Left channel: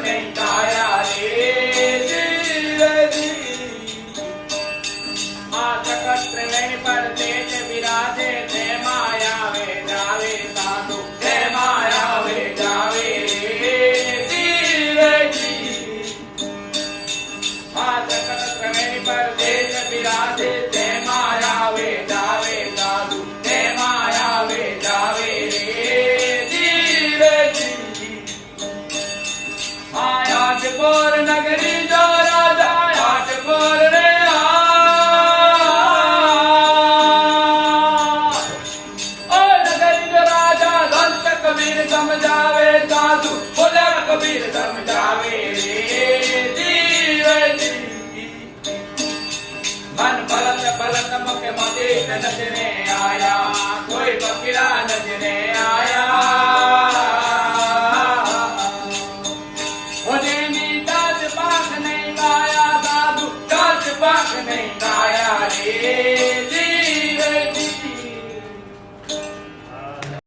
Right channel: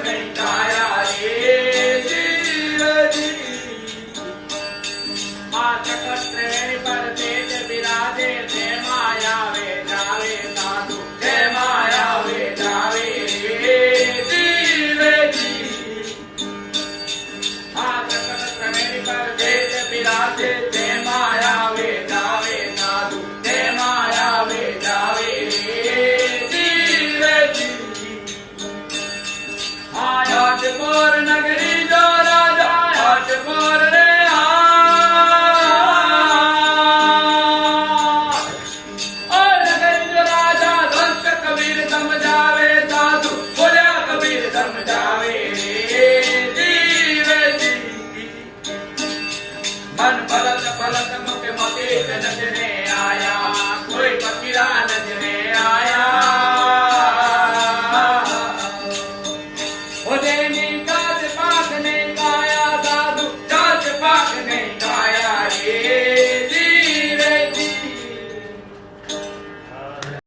नहीं काया रे जीव जी। त्रिवेणी पर तेज विराजे थे माया वे जावे साधु थे माया वे जावे रे जीव जी। त्रिवेणी पर तेज विराजे थे माया वे जावे साधु थे माया वे जावे रे जीव जी। आयाटपुर नगरी जो राजा आयाटपुर रे समझावे साधु बोला कबीर समझावे रे जीव जी। मन पलक पलक मुख मकेश नजरे आया कोई फकीरा नजरे आया। काच पाक नहीं गाया साधु काच पाक